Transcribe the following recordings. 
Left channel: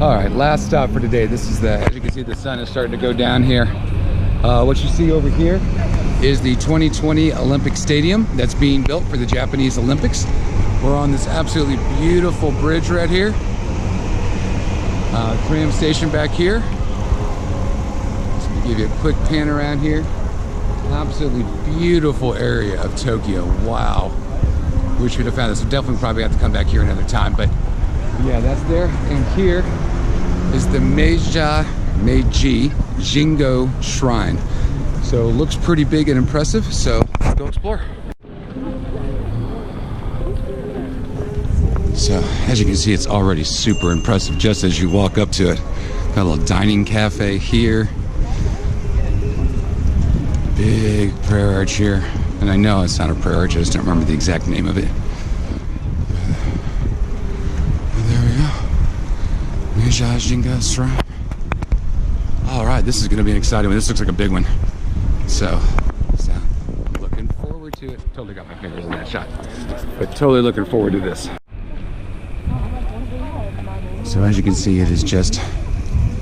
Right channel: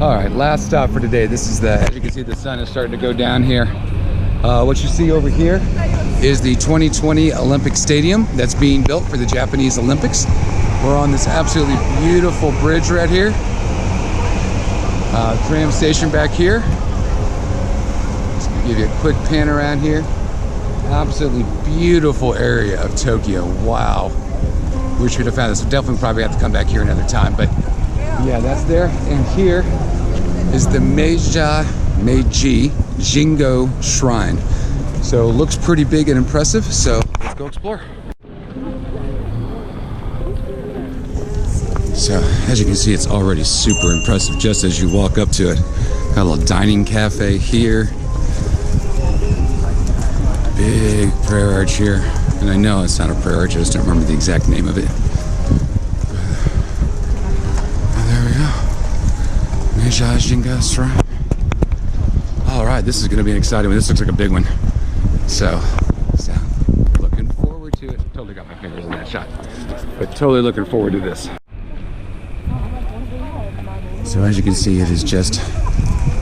All right, last stop for today. This is as you can see, the sun is starting to go down here. What you see over here is the 2020 Olympic Stadium that's being built for the Japanese Olympics. We're on this absolutely beautiful bridge right here. Tram station back here. Just gonna give you a quick pan around here. Absolutely beautiful area of Tokyo. Wow. Wish we'd have found this. We'll definitely probably have to come back here another time, but yeah, that's there. And here is the Meiji Jingu Shrine. So it looks pretty big and impressive, so let's go explore. So as you can see, it's already super impressive just as you walk up to it. Got a little dining cafe here. Big prayer arch here. And I know it's not a prayer arch, I just don't remember the exact name of it. And there we go. Meiji Jingu Shrine. All right, this is gonna be an exciting one. This looks like a big one. So looking forward to it. Totally got my fingers in that shot. But totally looking forward to this. So as you can see, it is just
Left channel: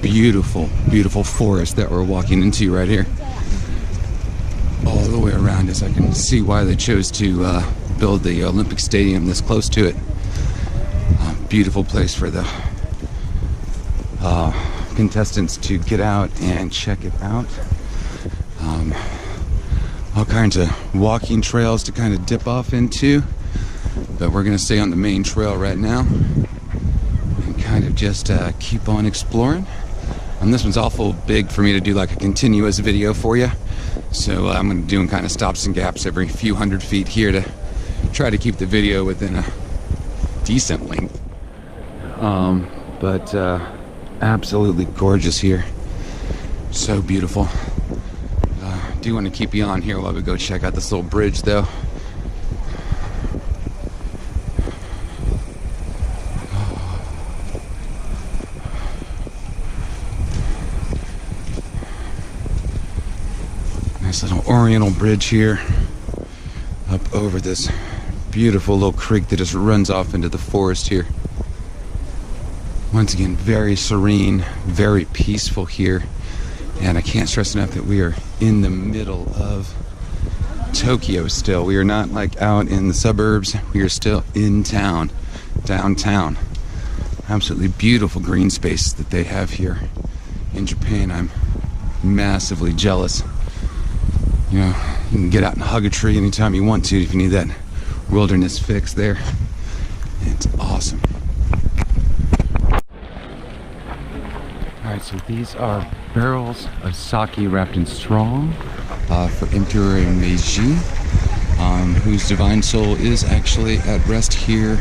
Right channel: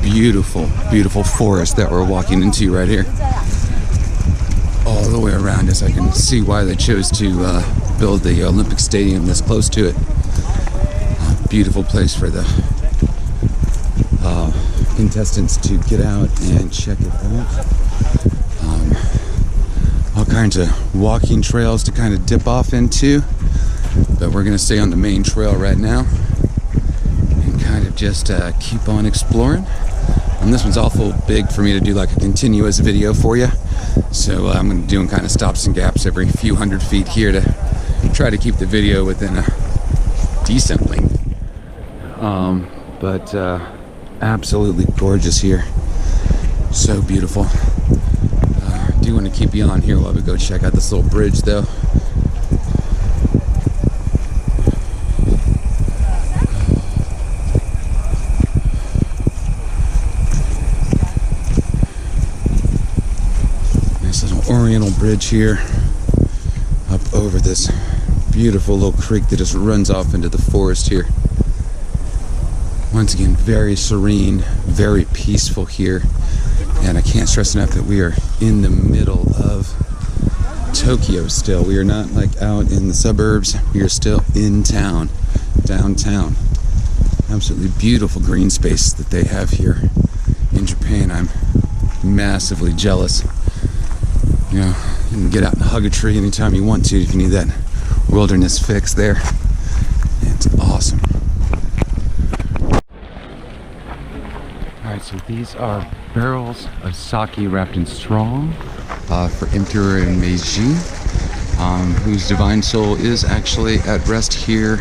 beautiful, beautiful forest that we're walking into right here. All the way around us. I can see why they chose to build the Olympic Stadium this close to it. Beautiful place for the contestants to get out and check it out. All kinds of walking trails to kind of dip off into, but we're gonna stay on the main trail right now and kind of just keep on exploring. And this one's awful big for me to do like a continuous video for you. So I'm going to be doing kind of stops and gaps every few hundred feet here to try to keep the video within a decent length. But absolutely gorgeous here. So beautiful. Do want to keep you on here while we go check out this little bridge though. Nice little oriental bridge here up over this beautiful little creek that just runs off into the forest here. Once again, very serene, very peaceful here, and I can't stress enough that we are in the middle of Tokyo still. We are not like out in the suburbs, we are still in town, downtown. Absolutely beautiful green space that they have here in Japan. I'm massively jealous. You know, you can get out and hug a tree anytime you want to if you need that wilderness fix there. It's awesome. Alright, so these are barrels of sake wrapped in straw for Emperor Meiji, whose divine soul is actually at rest here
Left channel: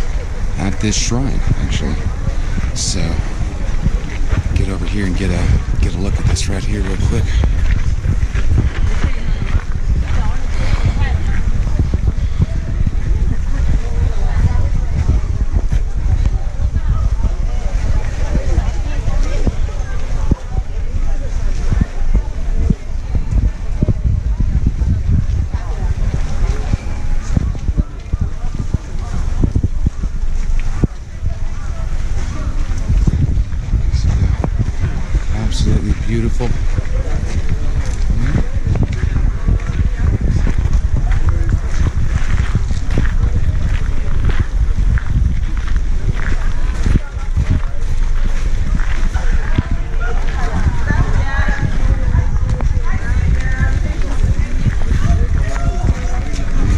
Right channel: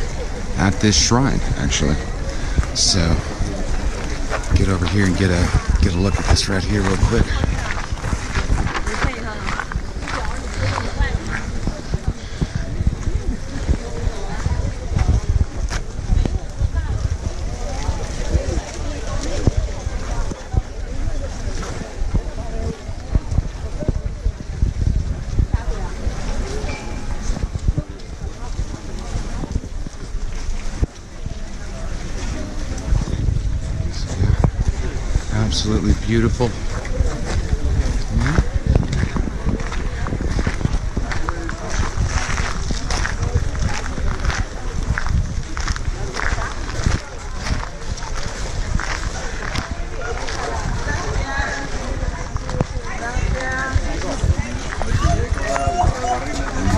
at this shrine, actually. So, get over here and get a look at this right here real quick. Absolutely beautiful. Yeah.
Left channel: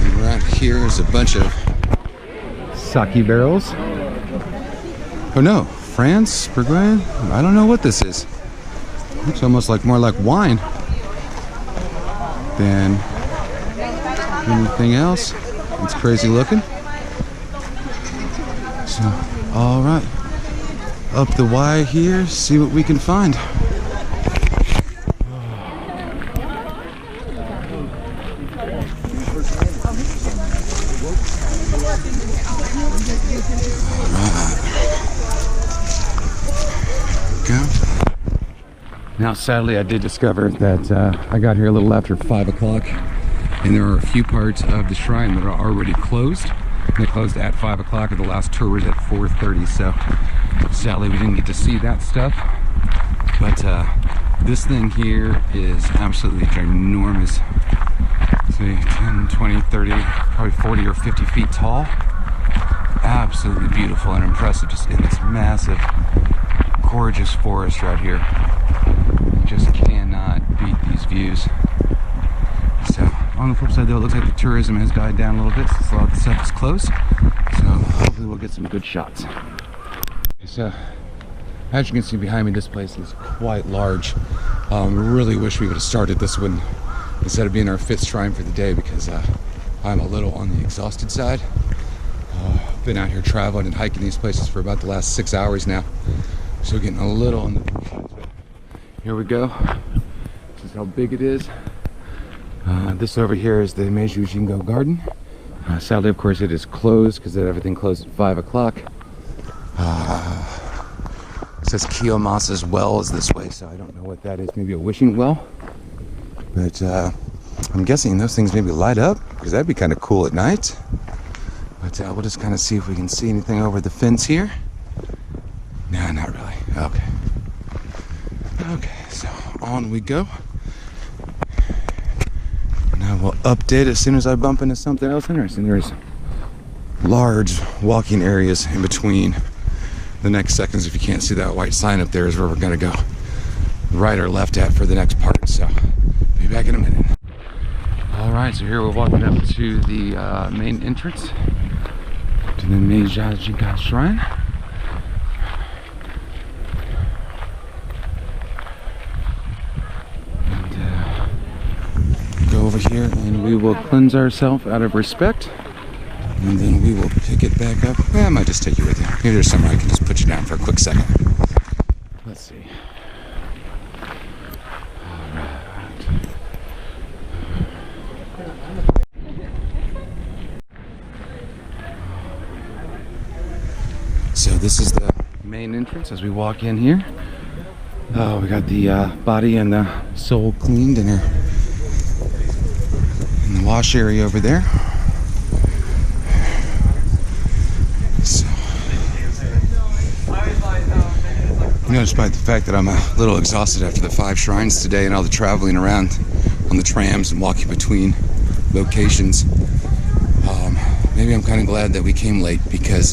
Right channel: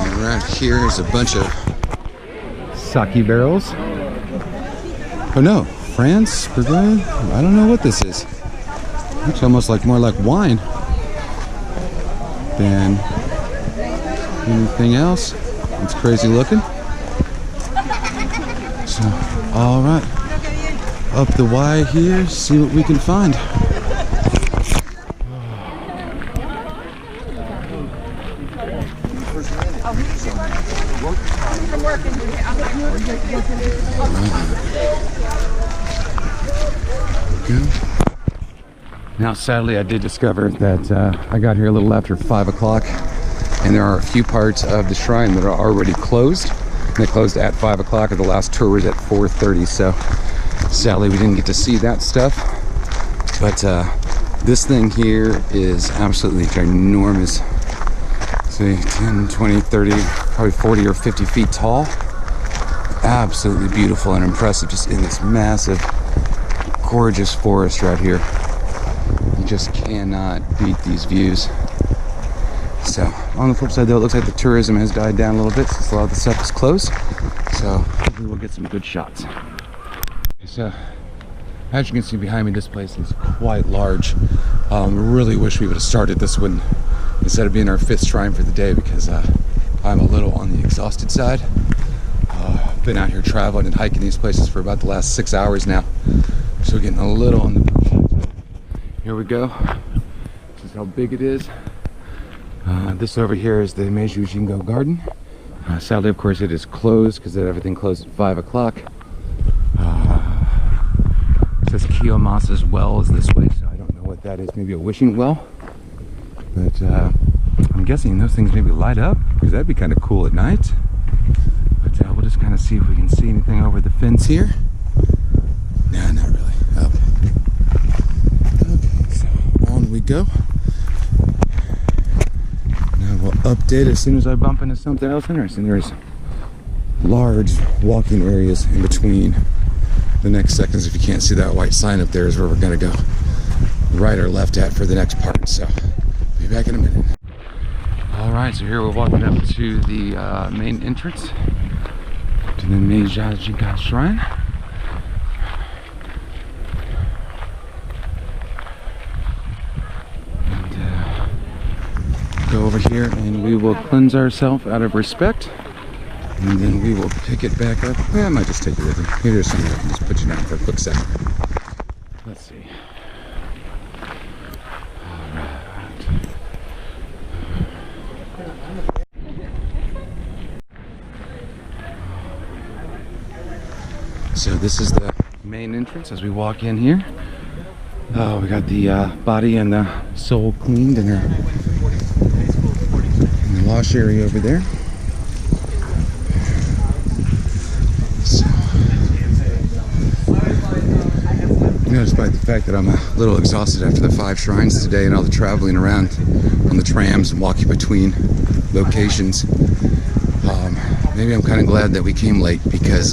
And right here is a bunch of sake barrels. Oh no, France, Burgoyne? I don't know what this is. Looks almost like more like wine than anything else. It's crazy looking. So, all right, up the Y here, see what we can find. All right. There we go. Now, sadly, I did discover that I got here a little after 5 o'clock, and there are a few parts of the shrine that are already closed. And they closed at 5 o'clock, and the last tour was at 4:30. So Sadly, we didn't get to see that stuff, but this thing here is absolutely ginormous. Say 10, 20, 30, probably 40 or 50 feet tall. Absolutely beautiful and impressive, just in this massive, gorgeous forest right here. You just cannot beat these views. So on the flip side though, it looks like the tourism has died down a little bit since a lot of the stuff is closed. So hopefully we'll get some good shots. So as you can see behind me, this place is quite large. Really wish we would have started this one instead of being our 5th shrine for the day, because I'm a little on the exhausted side. Been out here traveling and hiking these places for about the last 6 hours now, so getting a little on the side. But here we go. This is how big it is. This over here is the Meiji Jingu garden. Sadly, of course, it is closed because everything closed at 5 o'clock. It says Kiyomasa's well is this way, so I don't know what that is. Maybe a wishing well. But I'm guessing those things maybe light up, because that'd be kind of cool at night. But we'll just kind of see if we can see anything over the fence here. Nah, not really. Okay. Okay, so on we go. Now we'll update as soon as I bump into something else interesting. There's large walking areas in between the next seconds. If you can't see that white sign up there, is where we're gonna go right or left at for the next part. So be back in a minute. All right, so here we're walking up to the main entrance to the Meiji Jingu shrine. And go over here and we will cleanse ourselves out of respect, and then we will pick it back up. Well, I might just take you with you. Maybe there's somewhere I can just put you down for a quick second. Let's see. So this is the main entrance as we walk in here. Oh, we got the body and the soul cleaned in the wash area over there. So, you know, despite the fact that I'm a little exhausted after the 5 shrines today and all the traveling around on the trams and walking between locations, maybe I'm kind of glad that we came late, because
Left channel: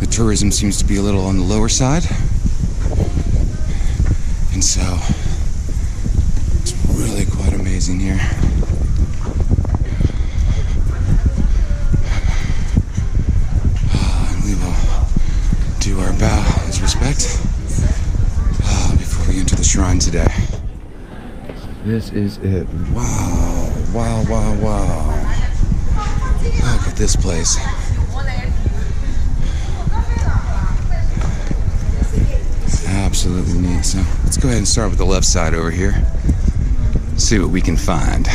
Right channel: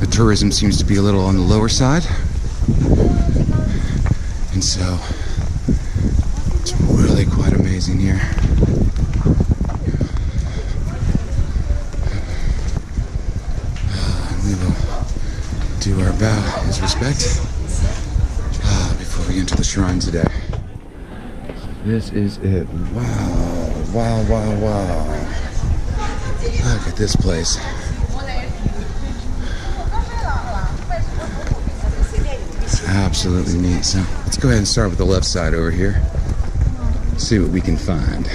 the tourism seems to be a little on the lower side, and so it's really quite amazing here. And we will do our bow as respect before we enter the shrine today. This is it. Wow, wow, wow, wow. Look at this place. Absolutely neat. So let's go ahead and start with the left side over here. See what we can find.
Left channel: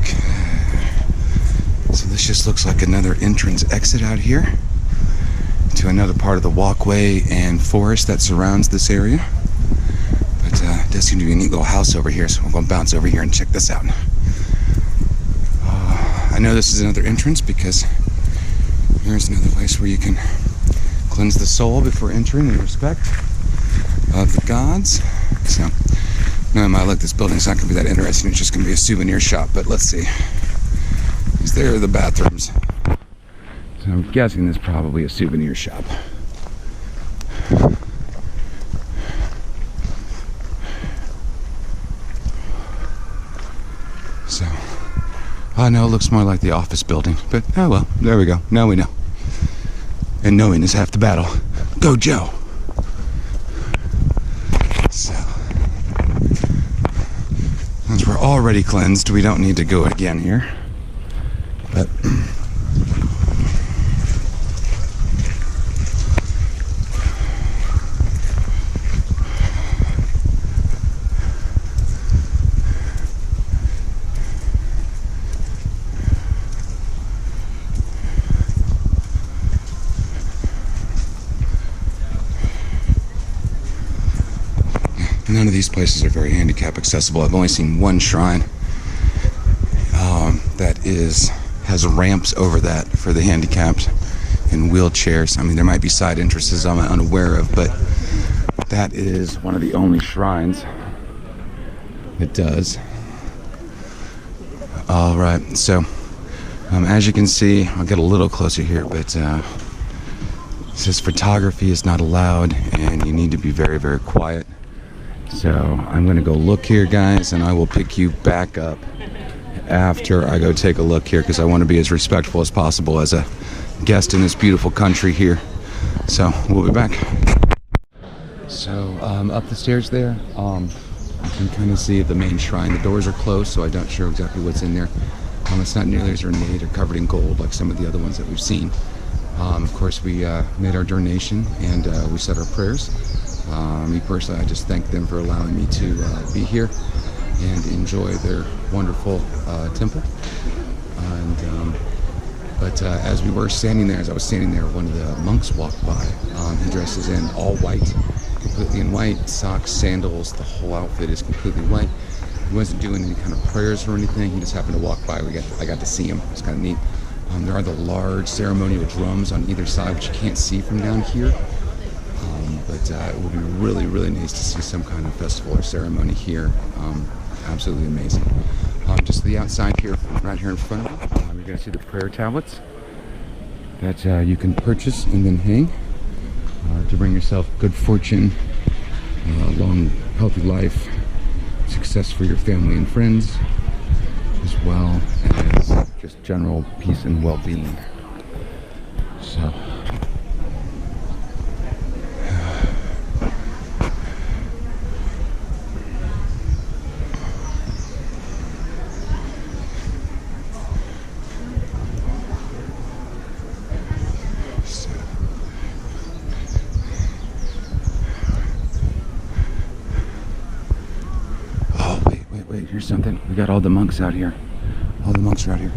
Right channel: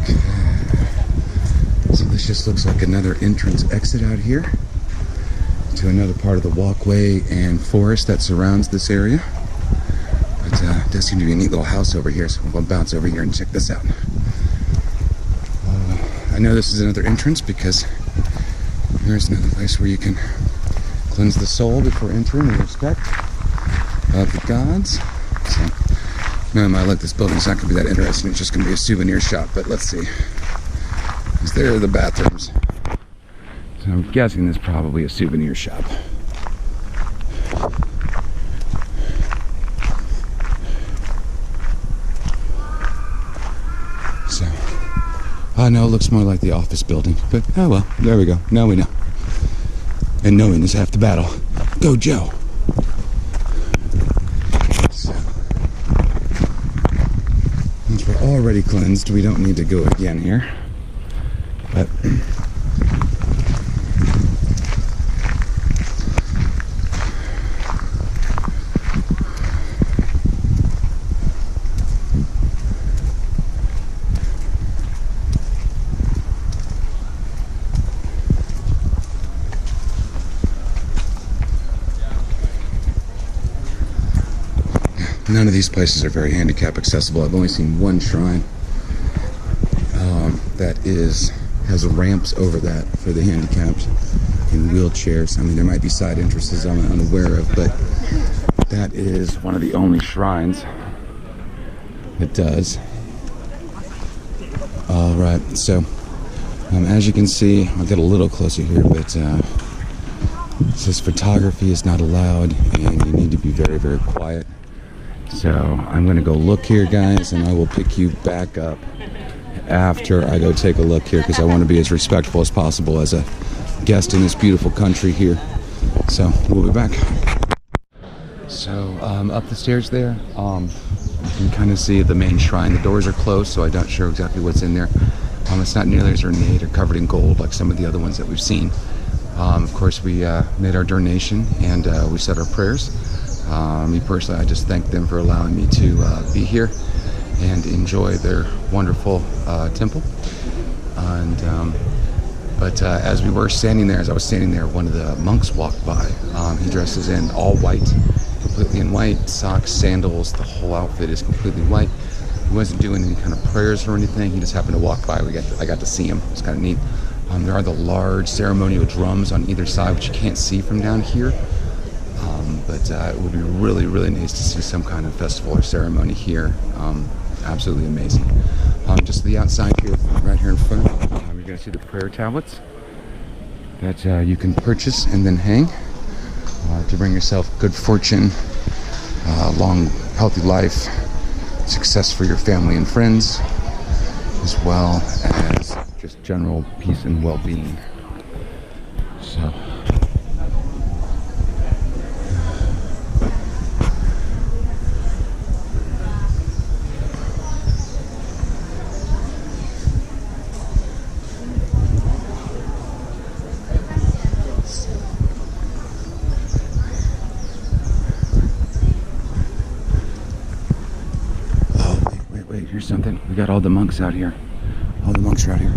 Okay. So this just looks like another entrance exit out here to another part of the walkway and forest that surrounds this area. But it does seem to be a neat little house over here, so we're going to bounce over here and check this out. I know this is another entrance because here's another place where you can cleanse the soul before entering in respect of the gods. So, no matter look, this building's not going to be that interesting. It's just going to be a souvenir shop, but let's see. Because there are the bathrooms. So I'm guessing this is probably a souvenir shop. So, I know it looks more like the office building, but oh well, there we go. Now we know. And knowing is half the battle. Go, Joe! So, since we're already cleansed, we don't need to go again here. But None of these places are very handicap accessible. I've only seen one shrine that has ramps over that for the handicapped and wheelchairs. I mean, there might be side entrances I'm unaware of, but that is one of the only shrines that does. All right, so as you can see, I'll get a little closer here, but it says photography is not allowed and you need to be very, very quiet. So I'm going to go look here, guys, and I will pick you back up after I go take a look here, because I want to be as respectful as possible as a guest in this beautiful country here. So we'll be back. So up the stairs there, you can kind of see the main shrine. The doors are closed, so I'm not sure exactly what's in there. It's not nearly as ornate or covered in gold like some of the other ones that we've seen. Of course, we made our donation and we said our prayers. Me personally, I just thank them for allowing me to be here and enjoy their wonderful temple. And but as we were standing there, as I was standing there, one of the monks walked by. He dresses in all white, completely in white, socks, sandals, the whole outfit is completely white. He wasn't doing any kind of prayers or anything. He just happened to walk by. I got to see him. It's kind of neat. There are the large ceremonial drums on either side, which you can't see from down here. But it would be really, really nice to see some kind of festival or ceremony here. Absolutely amazing. Just to the outside here, right here in front of me, you're going to see the prayer tablets that you can purchase and then hang to bring yourself good fortune, long, healthy life, success for your family and friends, as well as just general peace and well-being. So. Wait, here's something. We got all the monks out here. All the monks are out here.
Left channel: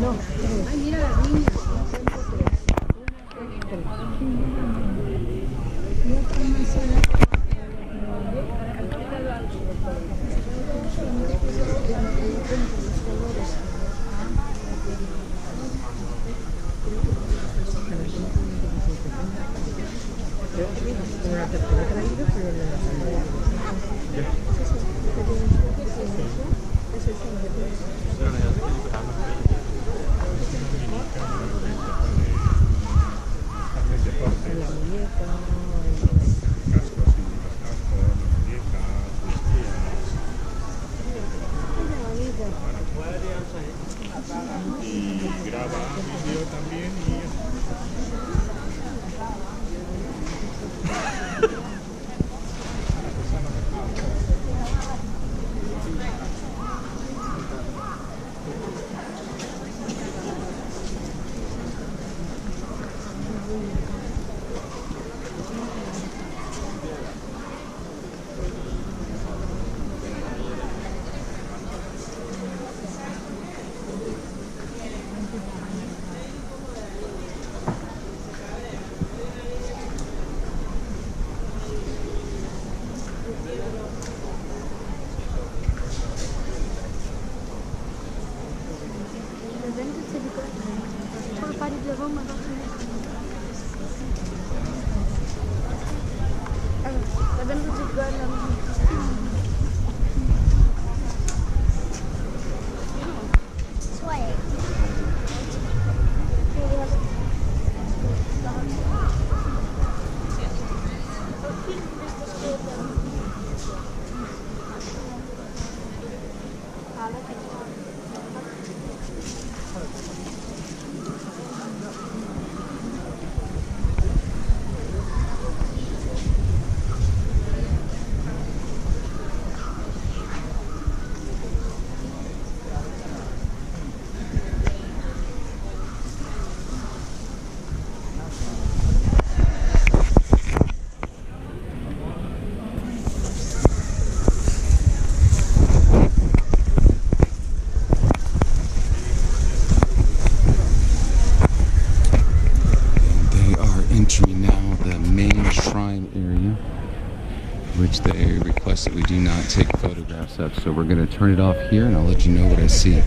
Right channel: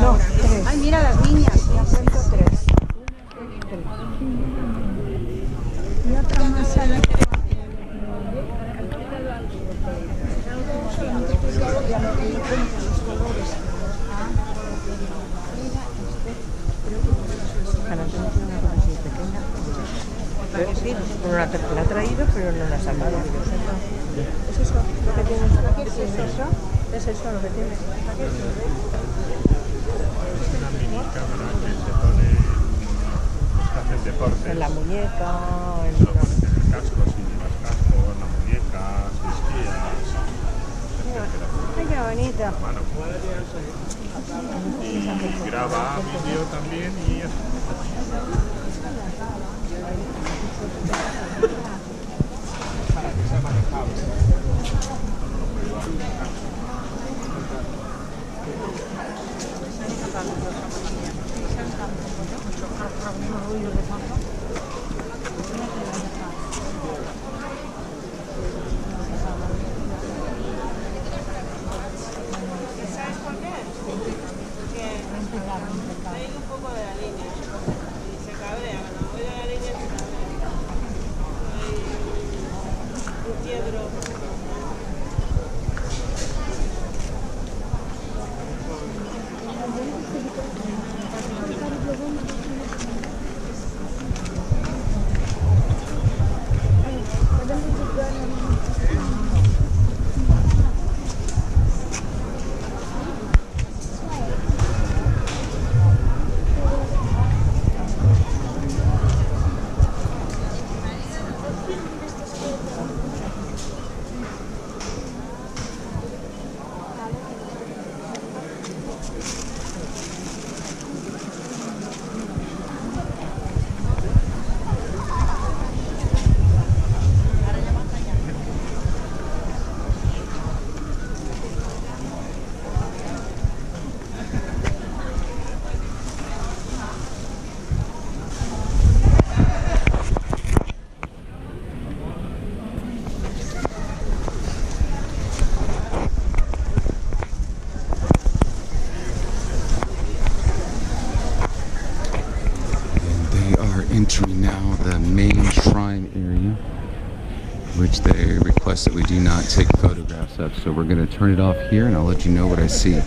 No, tres. Ay, mira las niñas. Ya cuento tres. Y otra más a la... La ha traído, pero no la ha sacado. ¿Es eso? ¿Lo que tienes aquí? ¿Es eso? ¿Es eso lo que tienes? Es una mini cámara que se pone los que hacen deporte. En la muñeca, en Se lo pones en el casco, si llevas casco, en la muñeca, si esquías, etc. Ay, qué bonito. Bueno, y graba vídeo también y para que sea manejable. Entering now the main shrine area, which they request that we do not take photographs of. So we're going to turn it off here and I'll let you know what I see.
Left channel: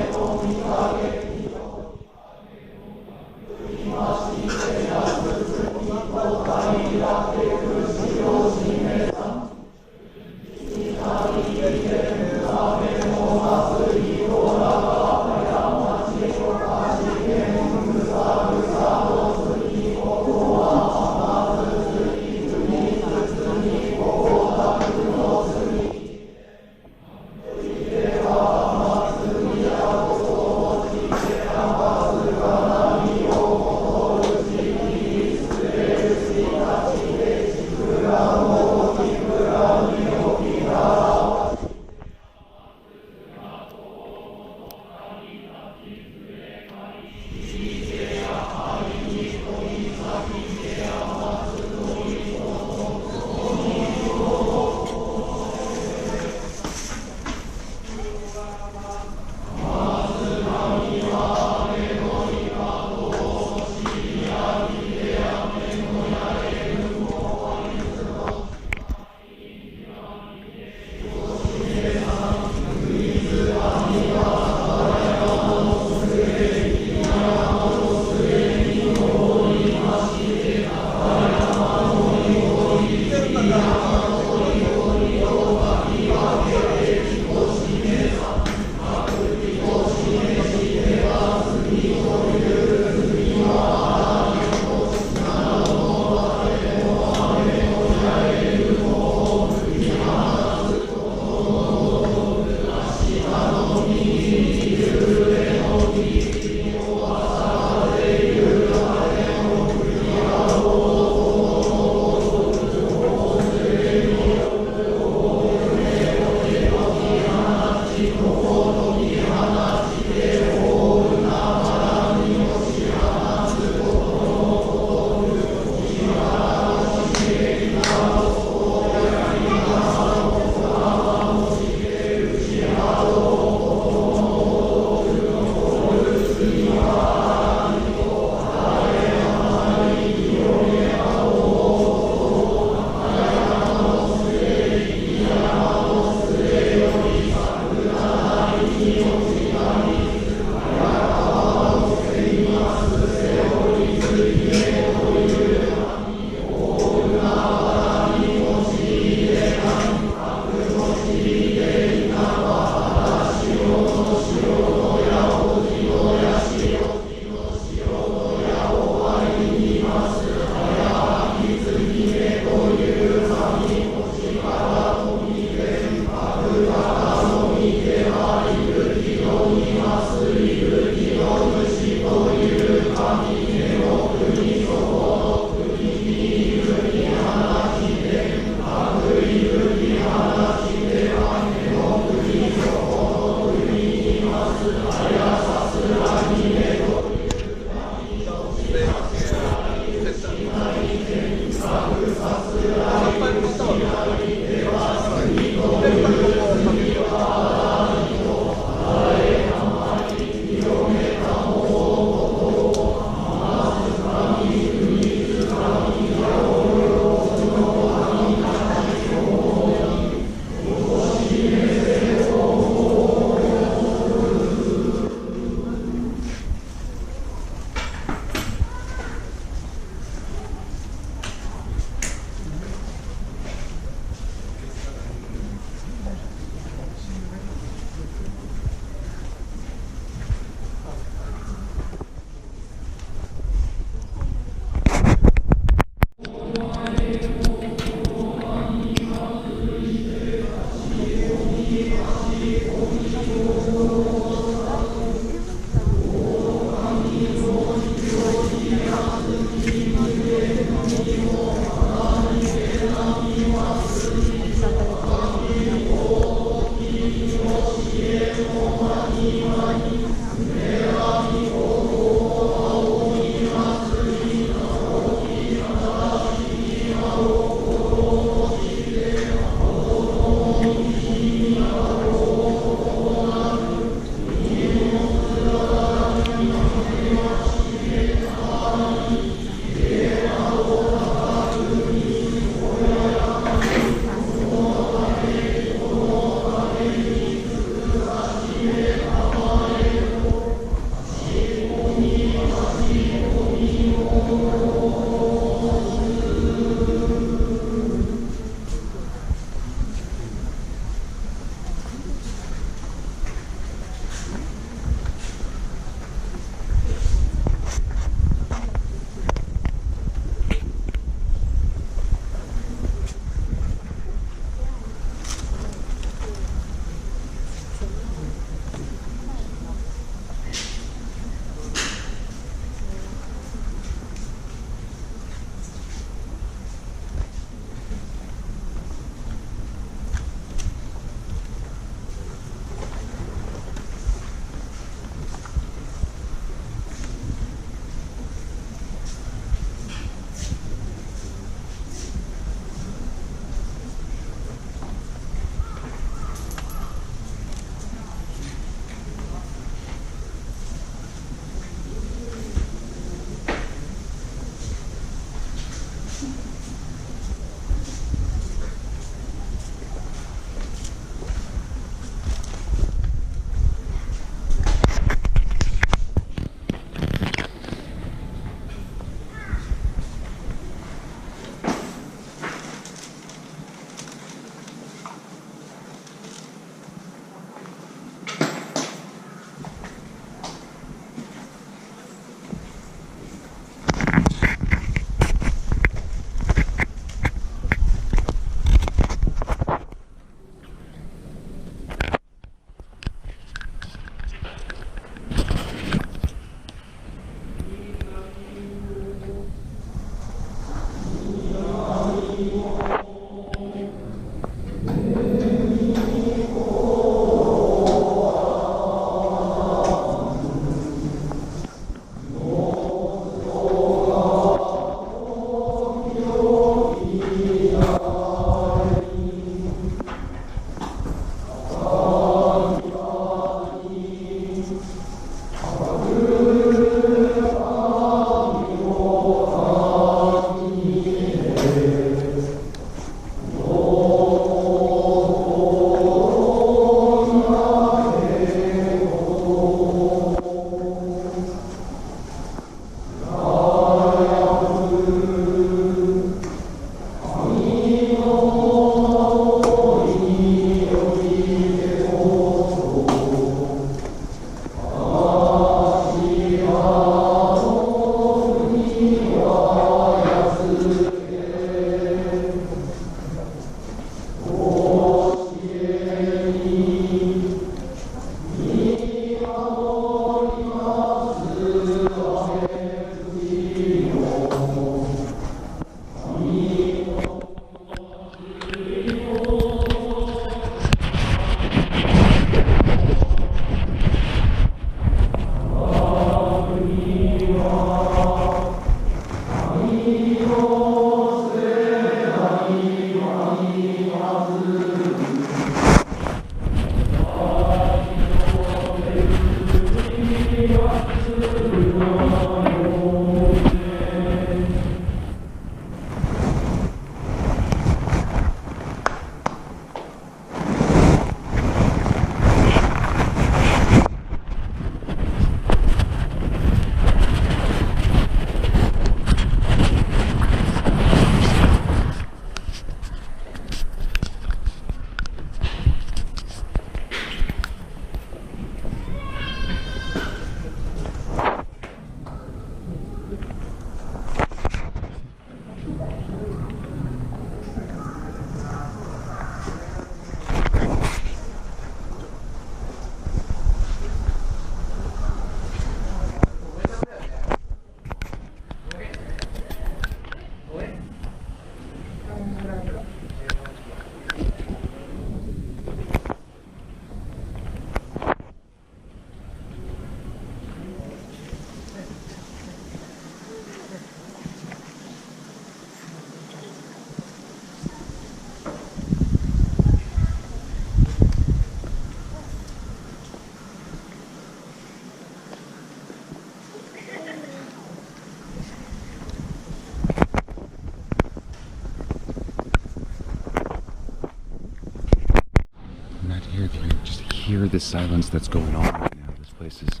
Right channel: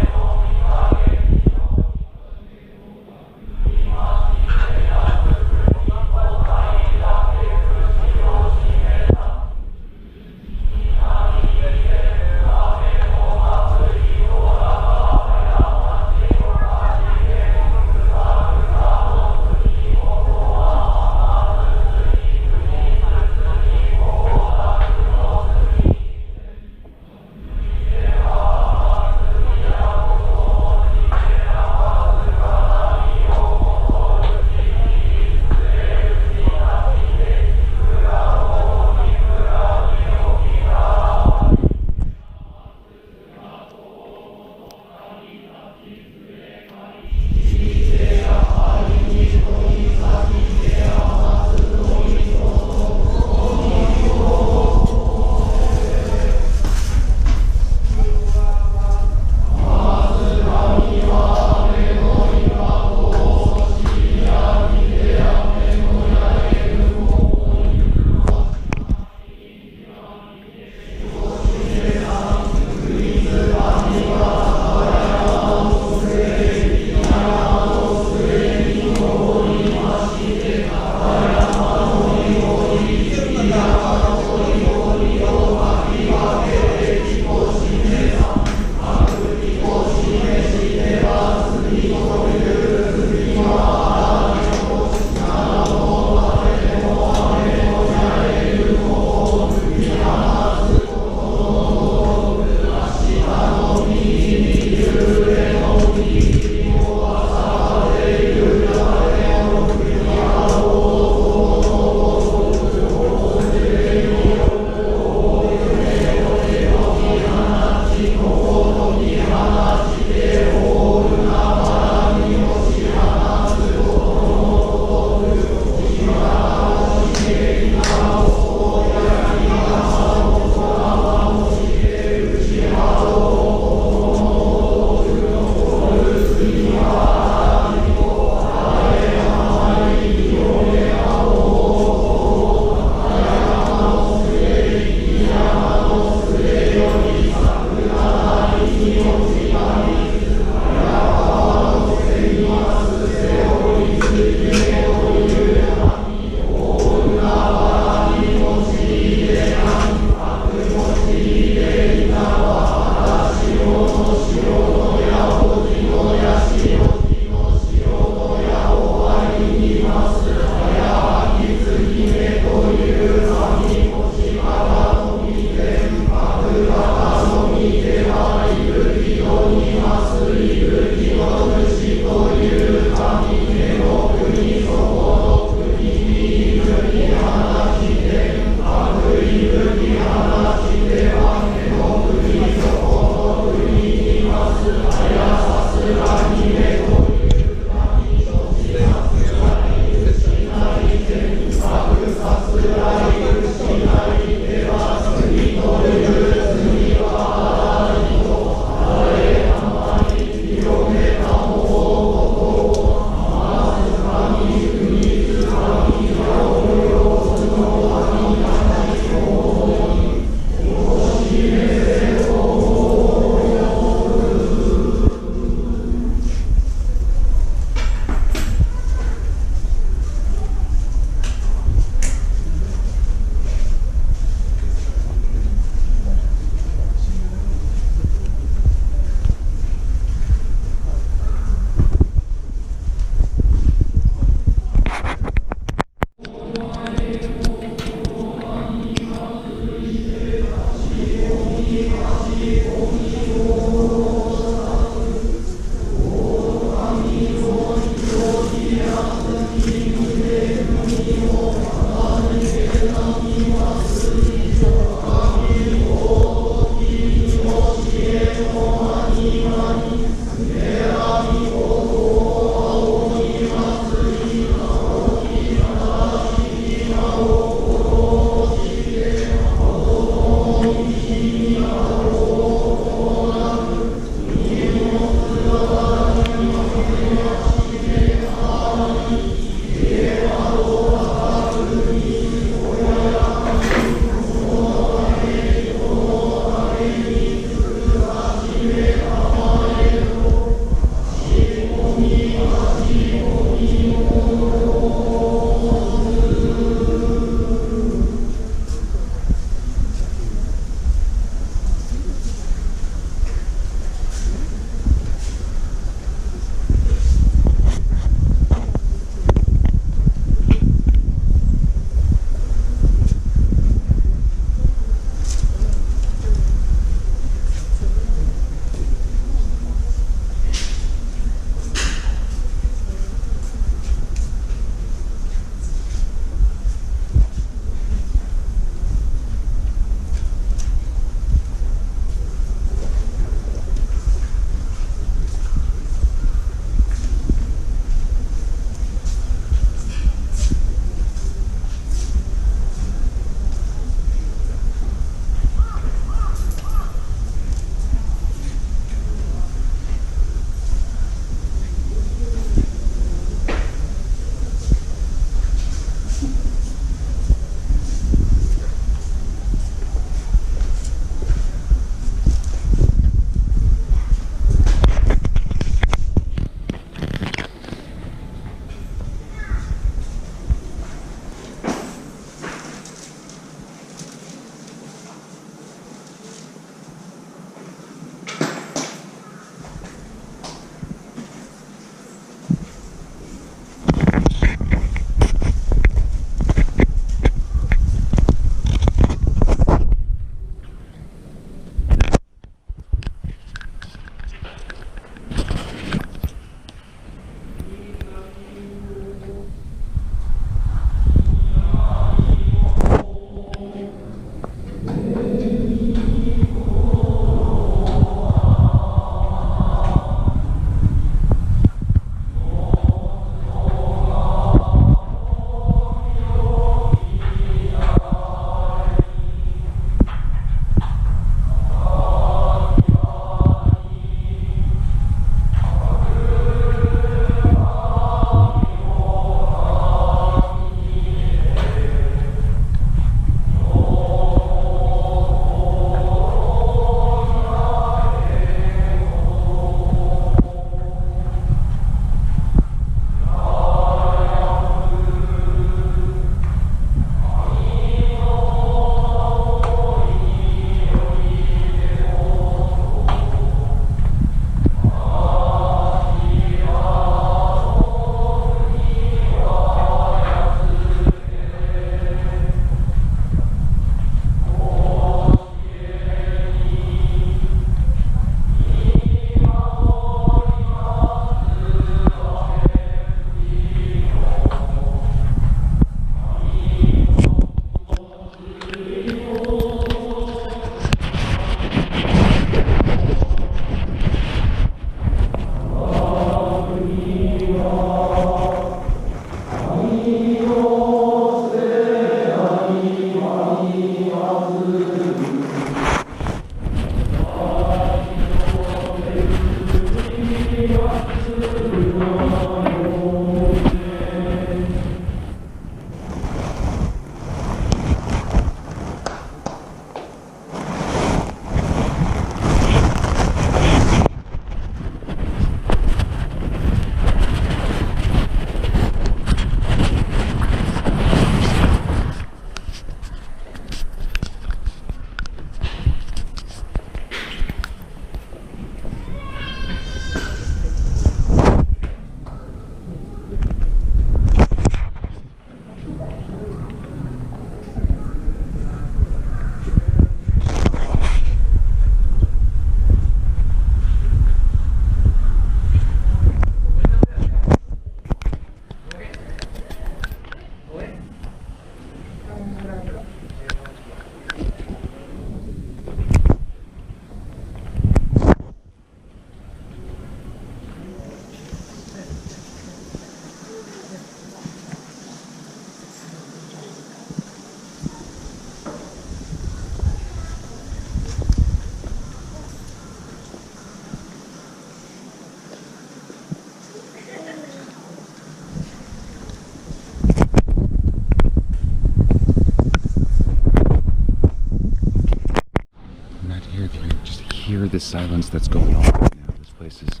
Hear the silence that's going on right now. This place is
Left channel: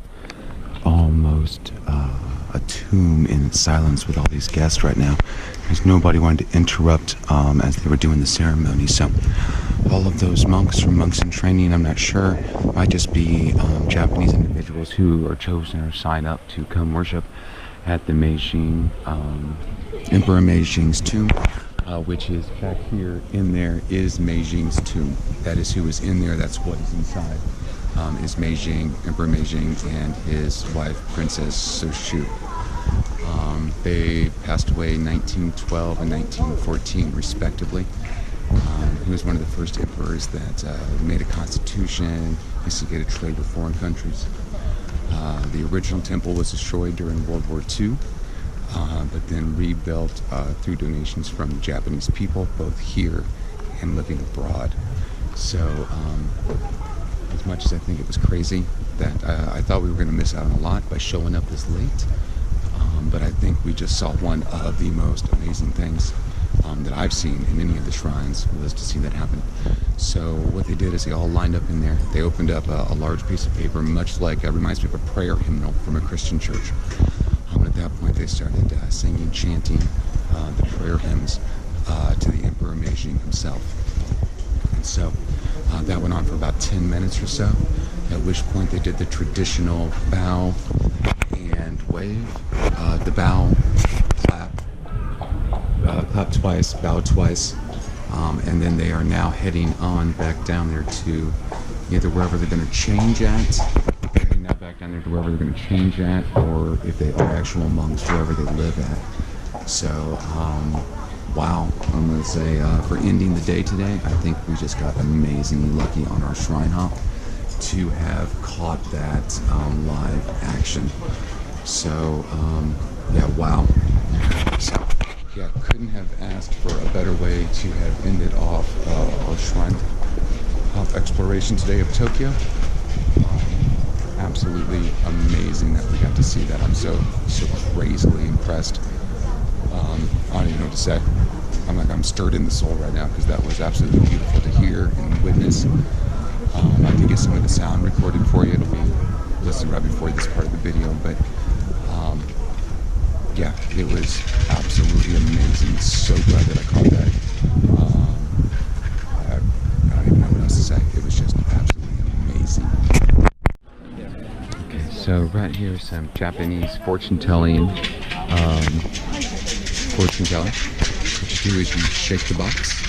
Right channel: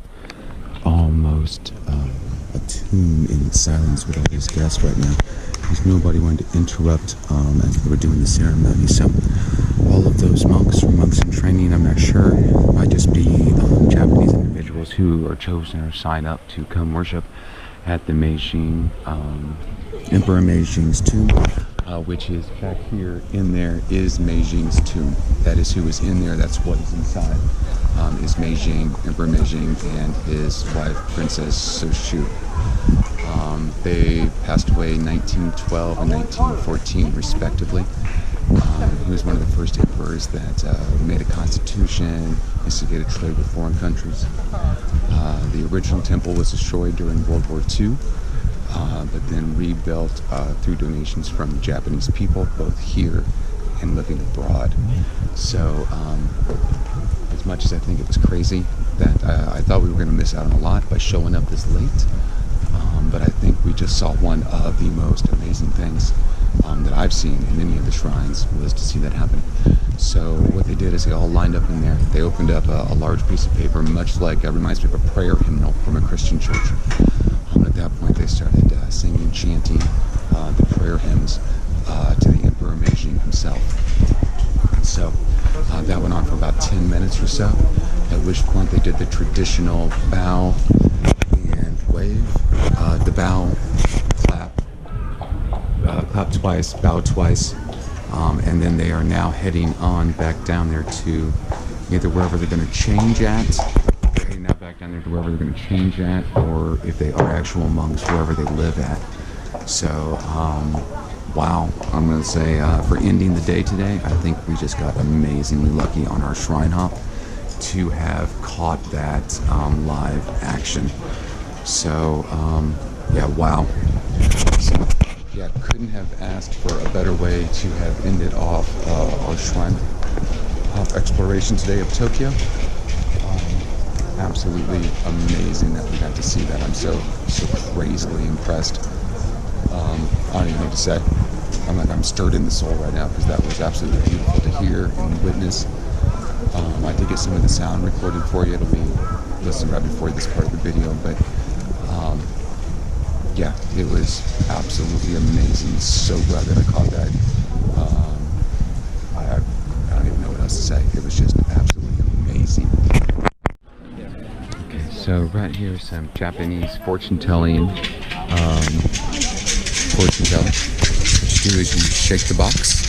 almost a tomb in its silence with all these guests right now, because nobody wanted to interrupt as they were doing the ceremony. So all of those monks or monks in training, I'm not sure, might just be Japanese individuals who are chosen or sign up to come worship at the Meiji Emperor Meijing's tomb. Which is back here in there is Meijing's tomb. That is who is in there. That's what is inside. Is Meijing, Emperor Meijing, and his wife, Princess Soshu. They passed away in 1912 and 1914, respectively. He was one of the first emperors that made a constitution, instigated trade with foreign countries. The original temple was destroyed during World War II. But then rebuilt through donations from the Japanese people, both here and living abroad. So as much as I think it was crazy that I thought we were going to miss out on a lot by showing up this late, but I think we just saw one of the most amazing things that I've seen in any of the shrines, was to see that happen. So what they did is they all lined up in there. They opened up a large piece of paper, much like reminds me of a prayer hymnal from a Christian church. At that point, they started singing, chanting the prayer hymns to the Emperor Meiji himself. And so that went on for about 10 minutes or so, at which point they did the traditional bow and wave. The bow, clap twice, bow twice, and then they are now heading on back down there to either wherever they're going to change at. Now back down there to wherever they're going to change at, or if they are actual monks, wherever they live at. So, wow, I'm going to say for ending the day today, I think we just got amazingly lucky on our shrine hop to have caught that live action. So, yeah, wow. So, yeah, couldn't have asked for a better way to have ended off our shrine hop exploration today of Tokyo. Absolutely amazing that we got to see that. I'm so crazily impressed. I don't even know what to say. I'm stirred in the soul right now, because that was absolutely beautiful to hear and witness. I did get some of the sound recorded for you. It'll be listed right before this part of the video, but yeah, it was absolutely amazing. So glad that I caught that. I don't even know what else to say. It was just absolutely amazing. So right here is some Japanese fortune-telling. What you do is you shake the box,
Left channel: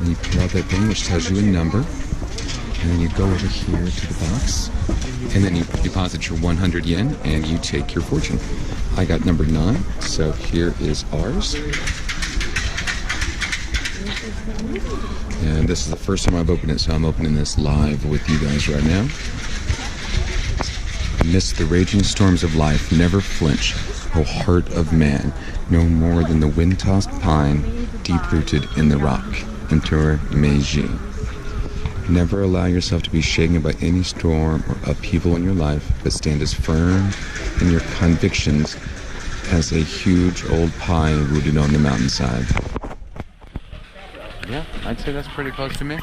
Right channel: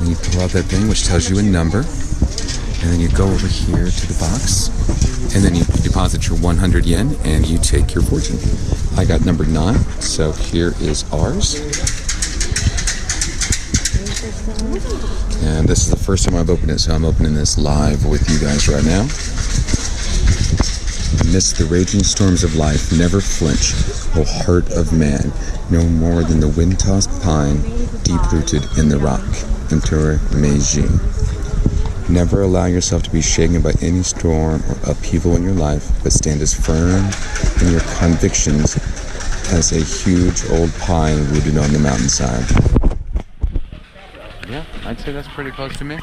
and you pull out that thing which tells you a number, and then you go over here to the box, and then you deposit your 100 yen, and you take your fortune. I got number 9, so here is ours. And this is the first time I've opened it, so I'm opening this live with you guys right now. Amidst the raging storms of life, never flinch, O heart of man, no more than the wind-tossed pine, deep-rooted in the rock. Emperor Meiji. Never allow yourself to be shaken by any storm or upheaval in your life, but stand as firm in your convictions as a huge old pine rooted on the mountainside. Yeah, I'd say that's pretty close to me.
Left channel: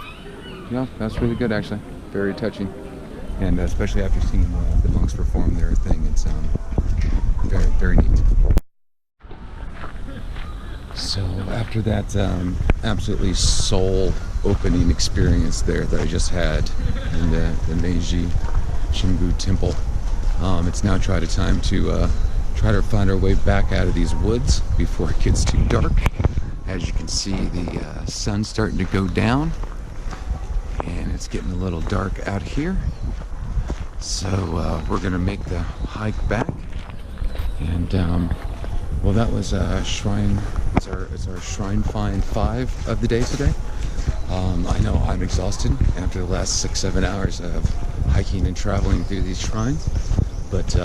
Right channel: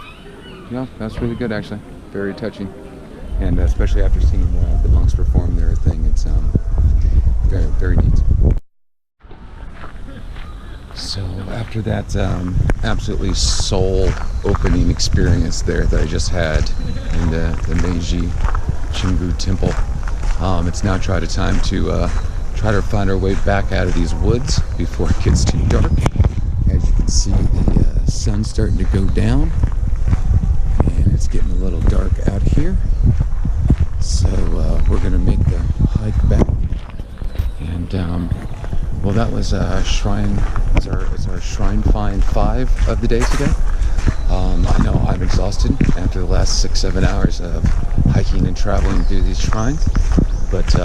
Yeah, that's really good actually. Very touching. And especially after seeing the monks perform their thing, it's very, very neat. So after that absolutely soul-opening experience there that I just had in the Meiji Jingu temple, it's now time to try to find our way back out of these woods before it gets too dark. As you can see, the sun's starting to go down, and it's getting a little dark out here. So we're gonna make the hike back, and well, that was shrine. It's our shrine find 5 of the day today. I know I'm exhausted after the last 6-7 hours of hiking and traveling through these shrines, but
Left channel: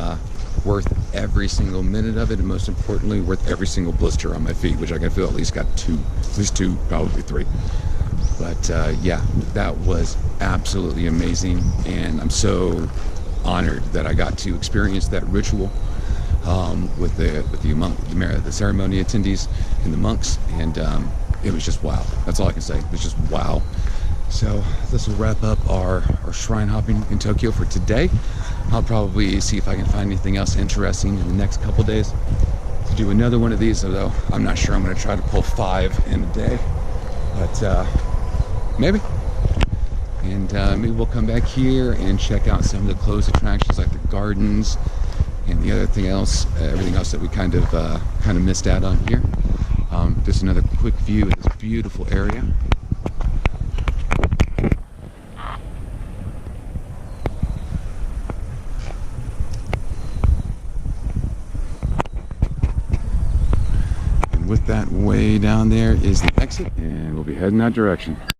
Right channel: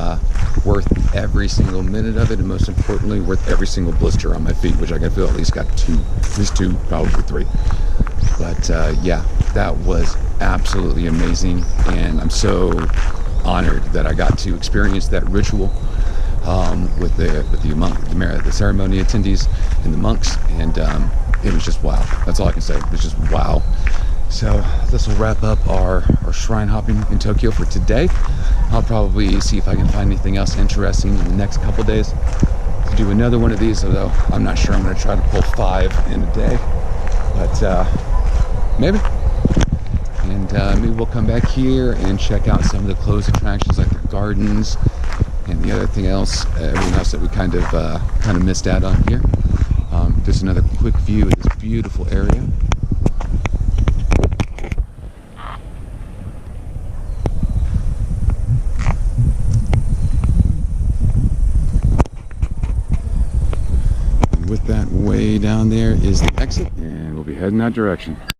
worth every single minute of it, and most importantly, worth every single blister on my feet, which I can feel at least 2, probably 3. But yeah, that was absolutely amazing, and I'm so honored that I got to experience that ritual with the ceremony attendees and the monks, and it was just wow. That's all I can say. It was just wow. So this will wrap up our shrine hopping in Tokyo for today. I'll probably see if I can find anything else interesting in the next couple days to do another one of these, although I'm not sure I'm going to try to pull 5 in a day, but maybe. And maybe we'll come back here and check out some of the closed attractions like the gardens and the everything else that we kind of missed out on here. Just another quick view of this beautiful area. And with that, way down there is the exit, and we'll be heading that direction.